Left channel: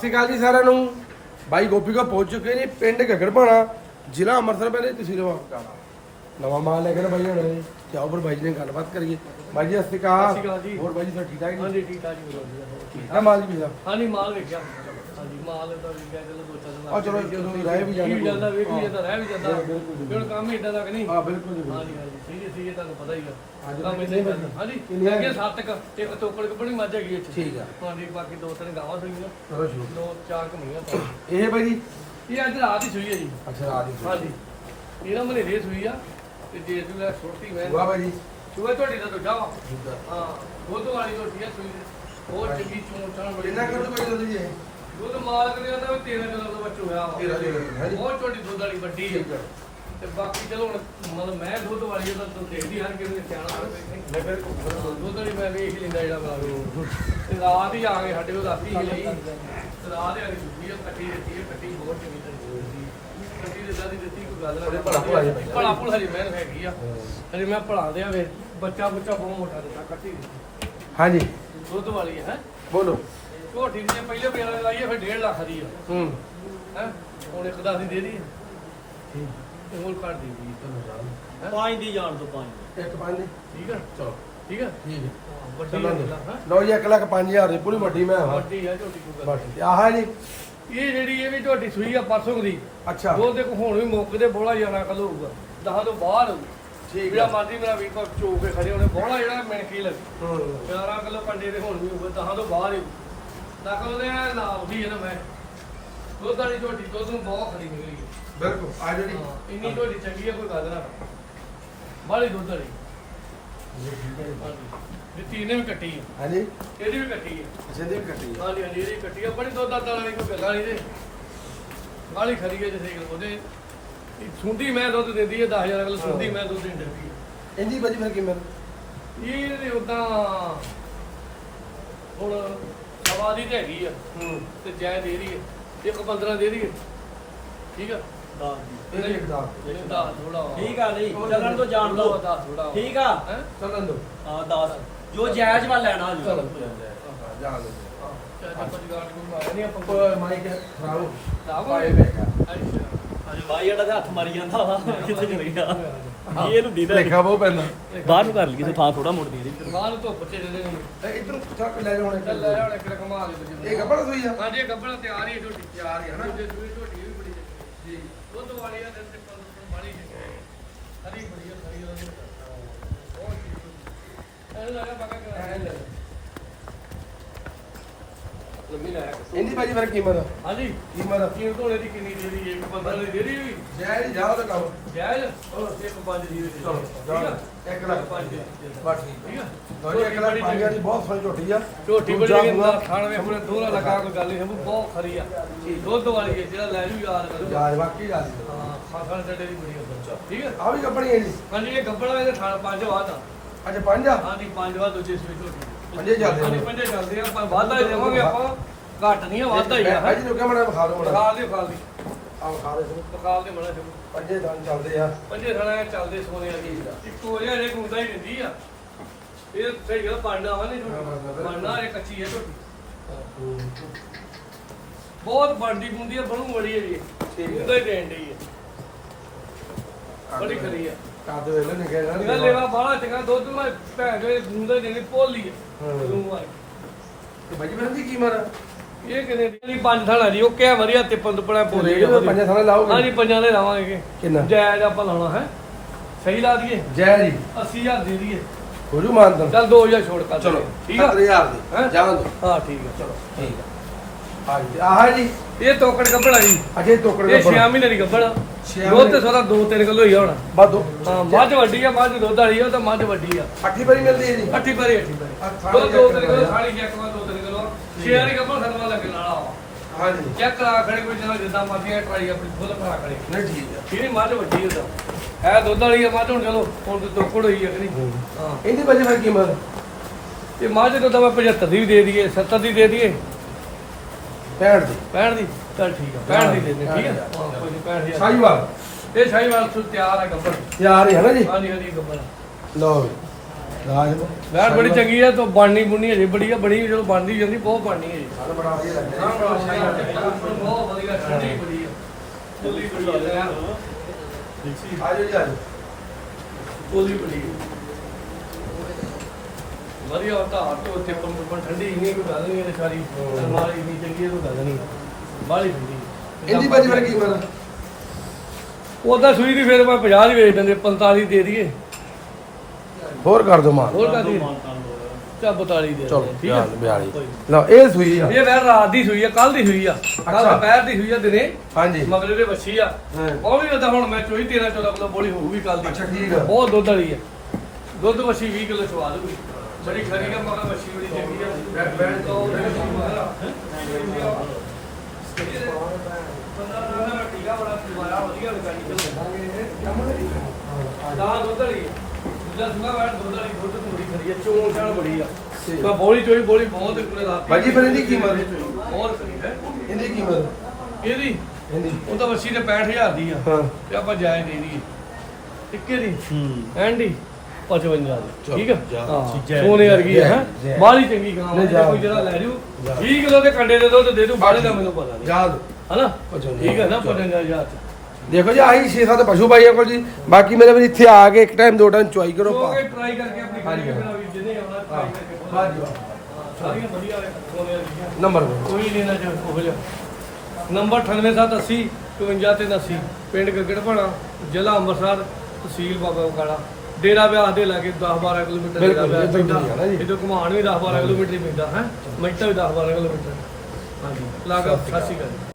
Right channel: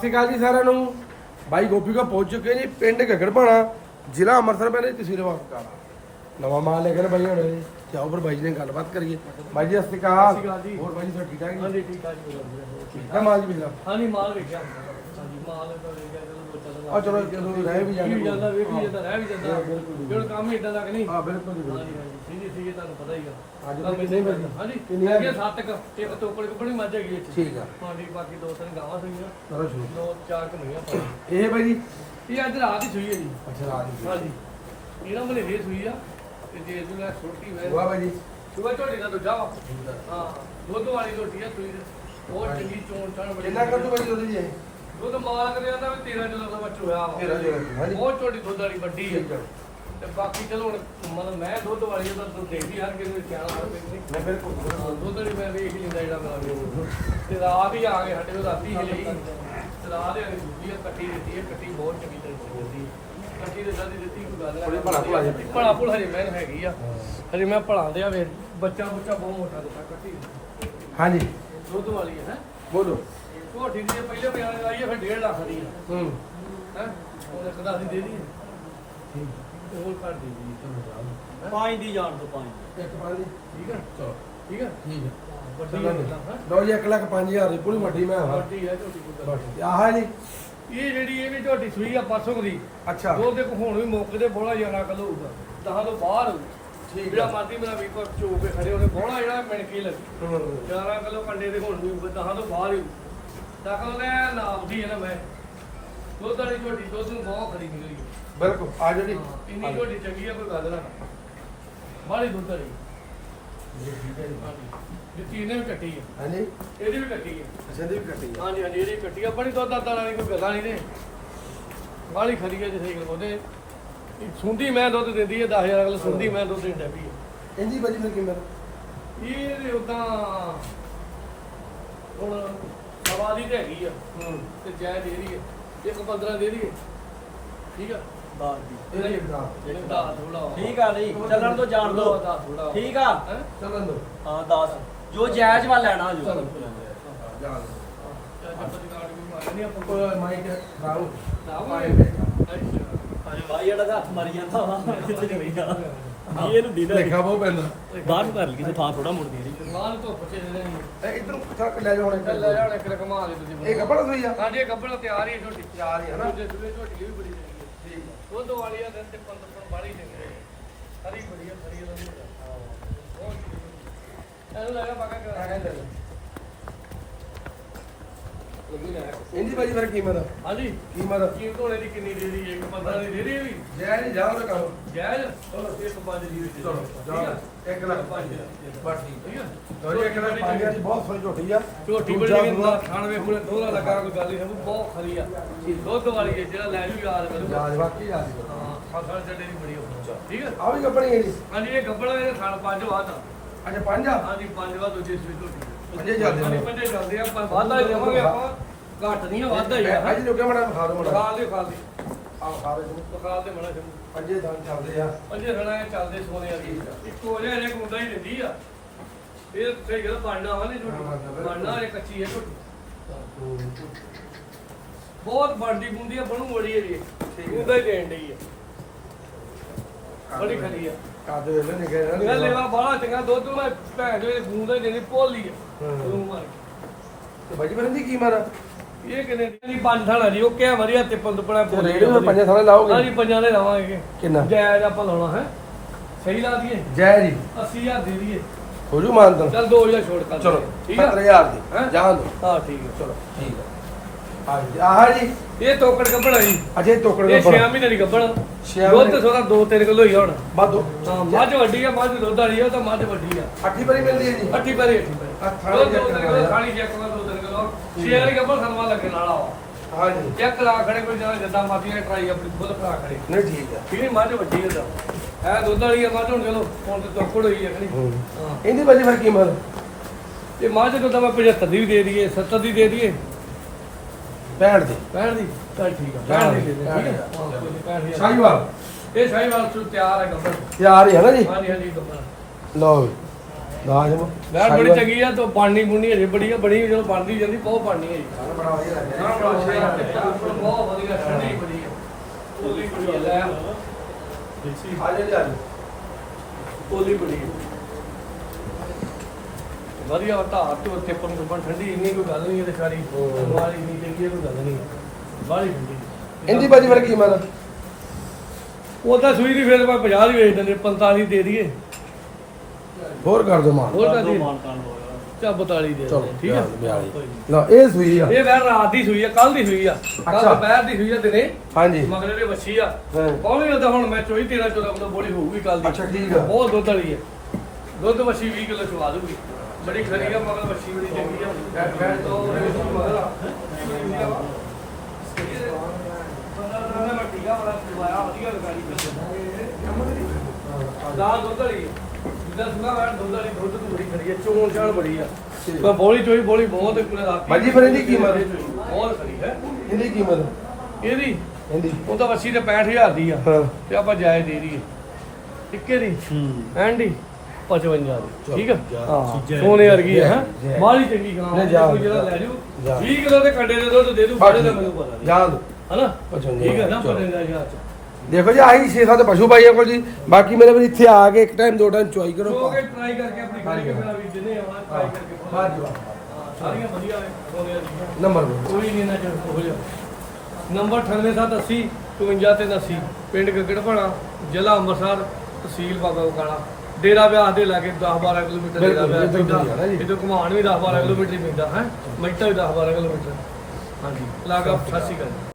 ਸਤਿ ਸ਼੍ਰੀ ਅਕਾਲ ਜੀ ਸਾਰਿਆਂ ਨੂੰ। ਬਾਈ ਗੋਪੀ ਕੋ ਪਹੁੰਚ ਚੁੱਕੇ ਜੀ ਪਿੰਡ ਘਗੜਪਾਣਾ ਜ਼ਿਲ੍ਹਾ ਅੰਮ੍ਰਿਤਸਰ ਪਹਿਲੇ ਤਹਿਸੀਲ ਵਾਂਕਾਣਾ ਨਵਾਂ ਮਾਲ ਲੈ ਕੇ ਨਾ ਬਾਈ ਹੁਣ ਜਾਓ ਫਿਰ ਬਾਈ ਜੀ ਨਾਲ ਗੱਲਬਾਤ ਕਰੀਏ। ਬਾਈ ਜੀ ਸਤਿ ਸ਼੍ਰੀ ਅਕਾਲ। ਹੋਰ ਬਾਈ ਜੀ ਸਭ ਠੀਕ ਠਾਕ ਜੀ? ਹਾਂਜੀ ਠੀਕ ਠਾਕ ਜੀ ਵਧੀਆ। ਹੋਰ ਠੀਕ ਆ ਮਾਲ ਜੀ ਬਿਜਲਾ ਹਾਂਜੀ ਮਾਲ ਵੇਖਿਆ। ਹਾਂਜੀ ਮਾਲ ਦਾ ਵੇਖਿਆ ਚਲੋ ਦੋ ਚੱਲ ਆ ਚਲੋ ਜਦੋਂ ਰਹਿ ਵੀ ਜਾਂਦਾ ਜਾਂਦਾ ਵੇਖ ਵੀ ਜਾਂਦਾ ਰਹਿ ਵੀ ਜਾਂਦਾ। ਬਿਲਕੁਲ ਕੰਮ ਹੀ ਇਦਾਂ ਦਾ ਕਿ ਨਹੀਂ? ਹਾਂ ਬਿਲਕੁਲ ਜੀ ਹਾਂਜੀ ਹਾਂਜੀ। ਸੀਰੀਅਸ ਸੀ ਤੁਹਾਨੂੰ ਪਤਾ ਹੀ ਆ। ਅੱਜ ਕੰਮ ਤਾਂ ਇਦਾਂ ਹੀ ਕਿੰਨੇ ਕਰਦਾ ਹਾਂਜੀ ਹੈਗੇ ਸੱਤ ਕ ਤੇ ਤੋਕੜ ਕਪੜੀ ਮੱਝ ਹੈਗੀ ਵਿੱਚ ਠੀਕ ਆ। ਹਾਂਜੀ ਬਾਕੀ ਦੋ ਤਿੰਨ ਗਾਵਾਂ ਸੀਗੀਆਂ। ਕਰੋ ਸ਼ੁਰੂ ਦੋ ਚਾਰ ਕਮੀਆਂ ਪਾ ਇਹ ਬਾਈ ਜੀ? ਇਹ ਅੱਜ ਰਾਤ ਹੀ ਸੂਈ ਹੈ ਜੀ। ਅੱਛਾ ਰਾਜ ਜੀ ਹਾਂਜੀ। ਇਹਨਾਂ ਮਨੇ ਦੇ ਸੂਈ ਆ ਤੇ ਜੇ ਤੂੰ ਲੈ ਛੋਟੀ ਵੇ ਵਾਹ ਬਾਈ ਜੀ। ਸੁਬਾ ਝੋਟੀ ਦਾ ਦੂਜਾ ਵਾ। ਹਾਂ ਦੁੱਧ ਵਾਲੀ ਝੋਟੀ ਆ ਸੂਈ ਹੋਰ ਚੰਗੀ ਚੋਣ ਚਾਣ ਬੜੀ ਕਿੰਨਾ ਕਰ ਦੋ ਬਾਈ ਜੀ ਇਹ? ਦੁੱਧ ਮਾਲਕ ਨੇ ਆਂਦਾ ਵੀ 13 ਕਿਲੋ ਦਾ ਬੱਚਾ ਹੋਇਆ ਵਾ। ਤੇਰਾਂ ਕਿਲੋ ਦਾ, ਹਾਂਜੀ। ਬਹੁਤ ਛੋਟੀ ਦੁੱਧ ਵਾਲੀ ਵੱਡੀ ਹੈ ਠੀਕ ਹੈ ਤੇ ਬਾਕੀ ਚਲੋ ਹੁਣ ਮਤਲਬ ਮੈਂ ਦੁੱਧ ਵਾਲੀ ਦਾ ਦੁੱਧ ਦੇਖਦੀ ਹਰ ਕਿਸੇ ਨੂੰ ਖਿਆਲ ਆ। ਕੋਈ ਮੈਂ ਫਿਰ ਘੁੰਮ ਹਾਂ, ਦੁੱਧ ਵਾਲੀ ਮੈਂ ਵੇਖ ਹੀ ਲੈਂਦਾ ਜਿਹੜਾ ਮਾਲਕ ਤੇ ਰਾਤ ਹੀ ਆ ਗਏ ਸਾਡੇ ਕੋਲ ਰਾਤੀ ਹੀ ਲਈ ਤੇ ਰਾਤ ਹੀ ਆ ਗਈ ਦੁੱਧੀ ਆ ਕੱਟੀ ਦਿੱਤੀ ਹੈ ਕੱਟੀ ਬਹੁਤ ਚੰਗੀ ਤਰੀਕੇ ਦੀ ਕੱਟੀ ਦੇ ਦਾਦੀ ਦਿੱਤੀ ਕੋਈ ਗੱਲ ਨਾ ਭਲਾ ਭੁਲਾ ਜਿਹੀ ਮੈਨੂੰ ਹੈਗੀ ਆ। ਹਲੇ ਮੈਂ ਭਲਾ ਦੇ ਵੇ ਬੱਚਾ ਬੁੱਚਾ ਬਹੁਤ ਮੋਟਾ ਦਿੱਤਾ ਕੱਟੀ ਹਾਂਜੀ। ਦੁੱਧ ਵਾਲੀ ਹੈ ਹੈਂ। ਬੋਲੋ। ਝੋਟੀ ਦੀ ਜੇ ਪਹਿਲੇ ਪਿਆਲੇ ਲਾਈ ਹੈ ਫਿਰ 1.5 ਲੱਖ ਦੀ ਆ। ਹੂੰ। ਹੈ? ਹੁਣ ਇੱਕ ਦਸ ਦੀ ਦੇ ਦੀ ਤੇ ਹੋਰ ਕਰ ਦੀ ਜੀ ਤੁਹਾਨੂੰ ਸਾਹਿਬ ਪੰਜ ਦੀ ਜਾਣ ਤੋਂ ਪੰਜ। ਇੱਕ ਪੰਜ ਦੀ। ਠੀਕ ਆ? ਚਲੋ। ਠੀਕ ਆ? ਠੀਕ ਹੈ ਵੱਡੀ ਚਲੋ ਜੀ। ਆ ਹਾਂ? ਲਓ ਜੀ 1 ਲੱਖ 5000 ਦੀ ਪੂਰੀ ਵੱਡੀ ਮੈਂ ਹਾਂ। ਵੱਡੀ ਆ ਝੋਟੀ ਕੋਈ ਗੱਲ ਬਸ ਆਹ ਜੀ। ਨਹੀਂ। ਇਹ ਜਿਹੜੀ ਇਹ ਵੀ ਝੋਟੀ ਸੂਈ ਆ ਪਰਸੋਂ ਦੀ ਅੱਛਾ। ਦੋ ਦੇ ਹੁਣ ਵੀ ਮੁੱਕਦੇ ਬੋਲਾ ਜਾਣਾ ਕੱਲ ਹੋਊਗਾ ਦਹਾਂ ਤੋਂ ਬਾਹਰ ਹੋਊ। ਠੀਕ ਜਿਹੜਾ ਹੈ ਮਾਤੀ ਮੇਰਾ ਵੀ ਕੋ ਚੋਕ ਖੜੇ ਉਹਨੇ ਬੋਲਾ ਜਿਹੜਾ ਮਿਣ ਕੇ ਲੱਗ। ਹੂੰ। 11 ਕਿਲੋ ਕੰਡੇ ਦੇ ਹੁਣ ਵੀ ਹੋਊਗਾ ਦਹਾਂ ਤੋਂ ਬਾਹਰ ਹੀ। ਦਾਖਲ ਨੇ ਲਾਉਂਦੀ ਹੈ ਨਾ ਮੈਂ। ਦੁੱਧ ਵਾਲੀ ਝੋਟੀ ਦੁੱਧ ਨੂੰ ਬਹੁਤ ਖੜੀ ਹੈ। ਬਿਲਕੁਲ ਆ ਜਿਹੜੀ ਹਾਂ, ਇੰਨੀ ਝੋਟੀ ਚੰਗੀ ਆ ਕੋਈ ਗੱਲ ਨਾ। ਬਾਹਲੀ ਦੁੱਧ ਵਾਲੀ। ਦਿੱਤੀ ਇਹਨੇ ਵੀ ਕੱਟੀ ਹੈ ਹਾਂਜੀ। ਇਹਦੀ ਵੀ ਕੱਟੀ ਹੈ ਅੱਛਾ ਇਹਦੀ ਵੀ ਕੱਟੀ ਹਾਂਜੀ ਹਾਂਜੀ ਇਹਦੀ ਕੱਟੀ ਆ। ਬੜੀ ਦੁੱਧ ਦਾਦਾ ਵਾਲੀ ਕੋਈ ਗੱਲਾਂ ਨਹੀਂ ਤੇ ਬਾਹਲੀ ਖਰੀ ਹੈ ਜਿਸੇ ਉਹਦੇ ਸੁੰਦੀ ਮੈਂ ਦੁੱਧ ਦਿੰਦੀ ਹੈ 10000 ਅਗਲ ਸੁੰਦੀ ਮੈਂ ਦੁੱਧ ਦਿੰਦਾ ਇਹਦੀ ਬਾਜੀ ਫਿਰ ਕਿੰਨਾ ਇਹ ਉਦਾਂ ਹੁਣ ਸਵਾ ਦੀ ਤੇ ਹੈਗੀ ਆ। ਹੂੰ। ਤੇ ਜੈ ਦੇ ਰਹੀ ਹੈ। ਇੱਕ 15 ਦੇ ਰਹੀ ਹੈ। ਠੀਕ ਆ? ਦਸ ਦੀ। ਇਹਦੀ ਇੱਕ ਦਾ। ਇਹਨੇ ਦਾ ਥੋੜਾ ਠੀਕ ਆ ਨਹੀਂ ਚੱਲਣ ਤੋਂ ਜਾਣ ਦੋ। ਦਾ ਥੋੜਾ ਠੀਕ ਆ? ਚੱਲਣ ਦੋ। ਹਾਂ 10 ਜੋ ਜਾਇਜ਼ ਵਾ ਲੈਣਾ ਜੋ। ਚਲੋ। ਜਾ ਦੋ। ਅੱਛਾ ਕੋਈ ਮਾਈਕ ਖਰਾਬ ਲਾਵਾਂਗੇ ਭਾਈ ਜਿਹੜਾ ਤੇ ਹੱਥ ਮਾਰੀ ਜਾਂਦਾ ਵਾ ਕਿੱਥੇ ਚਲੇਗਾ ਇਹ ਇਹਨੂੰ ਦੀਦਾ ਦੇਖਾ ਬਹੁ ਪੈਂਦਾ ਬਾਹਰ ਨੂੰ ਕਰ ਲਈ ਕਿਸੇ ਥਾਂ ਥੋੜਾ ਮੁੜਦੀ ਇਹਦੀ। ਬਾਹਰ ਤੋਂ ਬੱਚੇ ਦੇ ਇਹ ਇਧਰੋਂ ਥੱਕ ਲੈ ਜਾਉਣੇ ਚੱਲ ਲੈ ਹੁਣ ਇੱਕ ਰਕਮਾ ਦੇ ਤੁਸੀਂ। ਇਹ ਕੱਪੜਾ ਸੂਈ ਆ। ਹਾਂਜੀ ਇਹ ਕੱਪੜਾ ਤਿਆਰ ਹੀ ਹੈ ਝੋਟੀ ਚਾਰ ਹੀ ਹੈ ਨਾ। ਦੂਜੇ ਦੂਜੇ ਝੋਟੀ ਵੀ ਬੜੀ ਜੀ। ਦੁੱਧ ਵਾਲੀ ਆ ਦਿਨ ਤੇ ਪੰਜ ਪੰਜ ਵਾਲੀ ਨਹੀਂ ਹਰੀ ਬੜੀ ਹਰੀ ਇਹਨੂੰ ਲੱਗਾ ਪਕਾ ਕਰਾ। ਲੱਗੀ ਲੈ। ਇਹਦੀ ਬਾਜੀ ਫਿਰ ਕੀਮਤ ਹਾਂਜੀ। ਕੀਮਤ ਕੀ ਕੋਲੇ ਦੀ ਕਿੰਨੀ ਦੇ ਹੈ ਇੱਕ 15 ਦੀ ਦੇ ਹੈ ਵੀ। ਜੈ ਨਹੀਂ ਜਾ ਤਾਂ ਕੰਮ। ਜਾਇਜ਼ ਹੋਰ ਇੱਕ ਪੰਜ ਦੀ ਵੀ ਚਲੋ ਇੱਕ ਲੱਖ। ਪੰਜ ਬਸ ਠੀਕ ਆ? ਦੋਰੀ ਇੱਕ ਲੱਖ। ਪੰਜ ਦੀ ਬਹੁਤ ਸੋਹਣੀ ਝੋਟੀ ਆ। ਝੋਟੀ ਬੜੀ ਹੈਗੀ ਨਾ ਖਾਣ ਵੇ ਪੂਰੇ ਦੋਲਾ ਲਗਾ ਕੋਈ ਗੱਲ ਨਹੀਂ ਹੈ ਬਹੁਤ ਖਰੀ ਆ। ਦੁੱਧ ਵਾਲੀ ਹੈ ਜਿਹੜਾ ਲੈ ਵੀ ਯਾਦ ਕਰੋ ਯਾਰ ਵਾਕੀ ਯਾਦ ਹਾਂ। ਮੱਖਣ ਚੱਲੇ ਵੀ ਬੜੀ ਠੀਕ ਹੈ ਆ ਵੀ ਕੱਪੜੀ ਹੈ ਜੀ। ਹਾਂਜੀ ਇਹ ਗੱਬੜਾ ਇਹਦੇ ਥਾਲ ਪੰਜ ਵਾਦ ਅੱਛਾ ਪੰਜ ਆ? ਹਾਂਜੀ ਪੰਜ ਵਾਦ ਦੂਜੇ ਸਵੇ ਝੋਟੀ ਪੰਜੇ ਚੱਲਦੇ ਹਾਂਜੀ ਨੇ। ਪੰਜੇ ਚੱਲਦੇ ਆ ਪਰ ਵਾਧਾ ਹੀ ਦੇਵਾਂਗੇ ਆਪਾਂ। ਘੱਟ ਨਹੀਂ ਆ ਵਾਧਾ ਹੀ ਆ ਅੱਜ ਲੋਕਾਂ ਮੜਾ ਖਾ ਲੋ ਬੜਾ। ਕਾਲ ਦੇ ਕਾਲ ਦੇ ਆ ਖਾ ਲੋ ਕਾਲ ਦੇ ਮਣਾ ਜੀ ਪੰਜੇ ਦਿਨ ਚੱਲਦੇ ਆ। ਪੰਜੇ ਥਣਾ ਚੱਲਦੇ ਸੋਨੇ ਆ ਜੀ ਇੱਕੋ ਵਾਲੇ ਇਹਨੇ ਗੁੰਦਾ ਹੀ ਦਿੰਦੀ ਆ। ਫਿਰ ਸਹੀ ਗੱਲ ਪਾਂਡਾ ਵਾ ਨਹੀਂ ਝੋਟੀ ਪਾਂਡਾ ਇਹ ਕੱਚੀ ਹੈ। ਝੋਟੀ ਬਹੁਤ ਬਣਦੀ ਬੁੰਦੀ ਆ ਬਣੂ ਬੜੀ ਹੈ ਜੀ। ਗੁੰਦਾ ਹੀ ਦੇਣ ਡਈ ਆ। ਬੜੀ ਖਰੀ ਆ। ਕਾਦੇ ਵੇਲੇ ਨੇ ਇਹ ਕਿਹਾ ਲੈਵਾ ਬਾਹਲਾ ਚੰਗਾ ਦੁੱਧ ਮੈਂ ਭੈਣ ਦੇ ਗੁੰਦਾ ਹੀ ਦੇਣੀ ਭੋਲੀ ਆ। ਰੂਮ ਮਾਰ ਤੇ ਬਾਜੀ ਫਿਰ ਦੀ ਕੀਮਤ ਆ? ਇਹ ਕਿਨੇ ਨਹੀਂ ਪੰਜ ਥਾਣਾ ਜੀ ਉਹ ਕਿਹਾ ਵਧੀਆ ਤਿੱਪਨ ਦੁਪਣਾ ਬੋਲੇ ਇਹ ਪੰਜੇ ਸਾਲੇ ਲਾਓਗੇ? ਹਾਂਜੀ ਪੰਜਾਂ ਦੇ ਲਾਵਾਂਗੇ। ਕਿੰਨਾ? ਜਾਇਜ਼ ਆਪਾਂ ਲਾਉਣਾ ਹੈ? ਸਹੀ ਲਾ ਦਈਏ? ਜੈ ਜੀ 80000 ਦੇ ਦਈਏ। ਹੋ ਜੂ ਮਾਨਦਨ ਚੱਲ 2000 ਛੋੜ ਕਰ ਚਲੋ ਠੀਕ ਆ? 70000 ਦੀ। ਹੈਂ? ਜਾਣ ਦੋ। ਹਾਂ ਠੀਕ ਆ ਚਲੋ। ਠੀਕ ਜੀ ਆਹ ਜੀ। ਇਹ ਤੋਕੜ ਕੱਪੜਾ ਜੀ। ਅਜੇ ਟੋਕੜ ਇਹ ਦਾ 6 ਮਹੀਨੇ ਦੀ ਕੱਪੜਾ ਦੁੱਧ ਸਾਰਾ 2-3 ਕਿਲੋ ਹੀ ਹੋਣਾ। ਬਾਦੋ ਹਾਂ ਮੱਝ ਵੱਡੀ ਆ ਮੱਝ ਦੁੱਧ ਵਾਲੀ ਆ ਤੇ ਮੱਝ ਵੱਡੀ ਆ। ਪੱਠੀ ਬਰੀ ਮਿਲਦੀ ਹੈ ਜੀ। ਅੱਠੀ ਪਰੇ। ਅੱਠਾਂ ਦੋ ਦੀ ਤਿੰਨ ਕਿਲੋ ਸਾੜੀ ਚੈੱਕ ਕਰੋ ਦੋ ਤਿੰਨ ਕਿਲੋ। ਛੇ ਵਾਲੀ ਕੱਪੜਾ ਸਲਵਾ ਲੱਗੇ ਨਾਲਾ ਹਾਂ ਜੀ ਚੈੱਕ ਕਰਾ ਖੜੇ ਕੋਈ ਜਣਾ ਜਿੱਦਾਂ ਮਾਫੀਆਂ ਟਰਾਈ ਆਪਣੀ ਖੁਦ ਭਰਾ ਖੜੇ। ਨਹੀਂ ਠੀਕ ਆ। ਇਹ ਨਹੀਂ ਮੱਝ ਵੱਡੀ ਹੁੰਦਾ ਹੈ ਦੁੱਧ ਵਾਲੀ ਆ ਮੱਝ ਹੁਣ ਚਲੋ ਹੁਣ ਤੇ ਤੋਕੜ ਹੋਈ ਹੈ ਕਿ ਨਹੀਂ। ਹਾਂ। ਇਹਦੀ ਬਾਜੀ ਫਿਰ ਕੀਮਤ ਇਹ ਮੱਝ ਨੂੰ ਤਾਂ ਮੈਂ 75 ਦੀ ਵੀ ਦੇ ਦਈਏ 70 ਦੀ ਦੇ ਦਈਏ। 65 ਦੀ। 65 ਦੀ? ਚੱਲ ਠੀਕ ਆ 65 ਦੀ ਦੇ ਦੇ ਠੀਕ ਆ? ਹਾਂ ਕੋਈ 65 ਦੀ ਸਾਈਵਾਲ। ਇਹ ਵਾਲਾ ਤੂੰ ਤਿਆਰ ਆ ਗੱਬਰ। ਤਿਆਰ ਹੀ ਹੈ ਨਾ ਜੀ? ਹਾਂਜੀ ਹਾਂਜੀ ਗੱਬਰ। ਲਓ ਜੀ। ਲਾਜਮ। ਮੈਂ ਬੜੀ ਚੰਗੀ ਆ ਤੋ ਬਣਨੀ ਬੁਣਨੀ ਹਜੇ ਬੜੀ ਆ ਬਣੀ ਜਦੋਂ ਬਣਦੀ ਜਾਂਦੀ ਬਹੁਤ ਬਣਨੀ ਹੈ ਜੀ। ਬਣਾ। ਹਾਂ ਬੜਾ ਸ਼ਾਹੀ ਬਹੁਤ ਵਧੀਆ ਠੰਡੀ ਬੜੀ ਆ। ਉਹਦੀ ਬੜੀ ਆ। ਆਜੋ ਜੀ। ਆਜੋ ਉਹਦੀ ਬੜੀ ਆ। ਵਧੀਆ ਧਾਰ ਤੋਂ ਉੱਤੇ ਪੰਪ ਪੰਪ ਠੰਡੀ ਇੰਨੀ ਕੋਈ ਗੱਲ ਨਹੀਂ ਇਹਦੇ ਸਾਰੀ ਮਾਰੀ ਨਹੀਂ ਚੰਗੀ ਕੋਈ ਗੱਲ ਨਹੀਂ। ਬਾਹਲੀ ਠੰਡੀ। ਇੰਦੀ ਬਾਜੀ ਫਿਰ ਕੀ ਮਾਰ? ਉਹਦਾ ਸੂਈ ਦੀ ਫਿਰ ਮੈਂ 50 ਦੀ ਵੇਚ ਦਿੰਦੇ 45 ਦੇ ਦਈਏ। ਹੋਰ ਕਰ ਦੋ ਮਾਰ ਹੋਰ ਕਾ ਦੀ ਚਾ 42 ਦੇ ਚਲੋ ਠੀਕ ਆ 42 ਲਓ ਇਹ ਸੂਈ ਆ। ਇਹ ਵੈਰ ਰਾਤ ਦੀ ਸੂਈ ਆ ਕੱਲ ਦੀ ਸੂਈ ਆ। ਅੱਛਾ। ਦੁਪਹਿਰ ਦੀ ਸੂਈ ਆ ਦਿਨੇ। ਹਾਂਜੀ। ਮਗਲੇ ਦੇ ਵੱਛੀ ਆ। ਹਾਂ। ਉਹ ਵੀ ਉਹਦਾ ਹੁਣ ਮੈਂ ਚੋਈ 13 14 ਕਿਲੋ ਬੋਲੀ ਹੋਊਗੀ ਕੱਲ ਦੀ। ਅੱਛਾ ਠੀਕ ਆ। ਬਹੁਤ ਦੁੱਧ ਵਾਲੀ ਹੈ ਦੁੱਧ ਵੱਛੀ 20 ਕਿਲੋ ਸਵਾਦ ਹੋਊਗੀ। ਬੜੀ ਖਰੀ ਆ ਮਗਰ ਵੱਛੀ ਬੜੀ ਚੰਗੀ ਆ। ਬੈਠ ਬੈਠ ਤੋਂ ਦਾ ਦੁੱਧ ਵਾਲੀ। ਜਿੱਦਾਂ ਸੁਣਾ ਬਾੜ ਦੁੱਧ ਵਾਲੀ ਦੁੱਧ ਪੂਰੀ ਖਰੀ ਆ ਚੋਣ ਬੜੀ ਆ। ਤਾਂ ਬੋਲੀ ਚੋਈ ਬੋਲੀ ਬਹੁਤ ਇੱਕ ਰਾਤ ਫਿਰ ਇਹਦੀ ਕੀਮਤ? ਬਹੁਤ ਖਰੀ ਹੈ। ਇਹਦੀ ਕੀਮਤ ਇਹਦੀ? ਇਹਦੀ। ਉਹ ਤਾਂ ਵੱਛੀ ਤੇ 65000 ਦੀ ਆ। ਤੇ ਆਪਾਂ ਜਾਇਜ਼ ਦੇ ਦਈਏ। ਇੱਕੇ ਦੀ ਹੂੰ। ਐਂਡੀ 55 ਦੀ ਚਲੋ, ਠੀਕ ਆ ਜਾ। ਹਾਂ। ਜੈ- ਸੋਨੇ ਵਰਗੀ ਹੈ ਜੈ- ਜੈ। ਬਾਹਲੀ ਚੰਗੀ ਕਰਾਉਂ ਨਹੀਂ, ਜੇ ਜਾ। ਕੋਈ ਜਿਹੜਾ ਲੈ ਜੂ ਜਾ। 20 ਕਿਲੋ ਦੇ ਕੰਡੇ ਦੇ ਦੁੱਧ ਦੇ ਦੂ ਬਾਹਲੇ ਦਾ ਮੈਨੂੰ ਪਤਾ ਨਹੀਂ ਯਾਦ ਹਨਾ? 55 ਠੀਕ ਹੈ ਨਾ ਚਲੋ। 55000 ਚ। ਦੇਖੋ ਜੀ ਆਹੀ 6-7 ਪਸ਼ੂ ਭਾਈਆਂ ਕੋਲ ਜੀ। ਬਾਕੀ ਮੇਰੇ ਵੀ ਇੱਥੇ ਆ ਕੇ ਇੱਕ ਟਾਈਮ ਦੋ ਟਾਈਮ ਚੁਆਈ ਕਰੋ ਸੋ ਕੇ ਟਰਾਈ ਕਰਕੇ ਆਪਣੀ ਹਾਂਜੀ, ਬਣਾ ਵੀ ਜਿੰਨੇ ਆਉਣਾ ਟਰਾਈ ਕਰਕੇ ਬਹੁਤ। ਹਾਂ, ਸਾਰੀਆਂ ਵਧੀਆ ਨੇ ਸੋਨੇ ਦੀਆਂ ਨੰਬਰ। ਕੋਈ ਨਹੀਂ ਨਾ ਜੋ ਉਹ ਜਿਹਾ ਨੰਬਰ 98780 52 ਤੇ 80 ਪਿੰਡ ਗਗੜਪਾਣਾ ਜ਼ਿਲ੍ਹਾ ਅੰਮ੍ਰਿਤਸਰ ਤਹਿਸੀਲ ਬਾਬਾ ਬਕਾਲਾ। ਡੇਰਾ ਵਿਆਹ ਦੇ ਲਾਗੇ 10 12 ਕਿਲੋਮੀਟਰ ਡੇਰਾ ਬਿਲਕੁਲ, ਵਿਆਹ ਇੱਧਰ ਪੈਂਦਾ। ਨਾ ਜੀ। ਇਧਰ ਘੁਮਾਣ ਵੀ 10 12 ਕਿਲੋਮੀਟਰ ਹੀ ਪੈਂਦਾ ਹੈ? ਮਹਿਤਾ ਵੀ 10 12 ਕਿਲੋਮੀਟਰ। ਹਾਂਜੀ ਲਾਗਾ 88 ਕਰ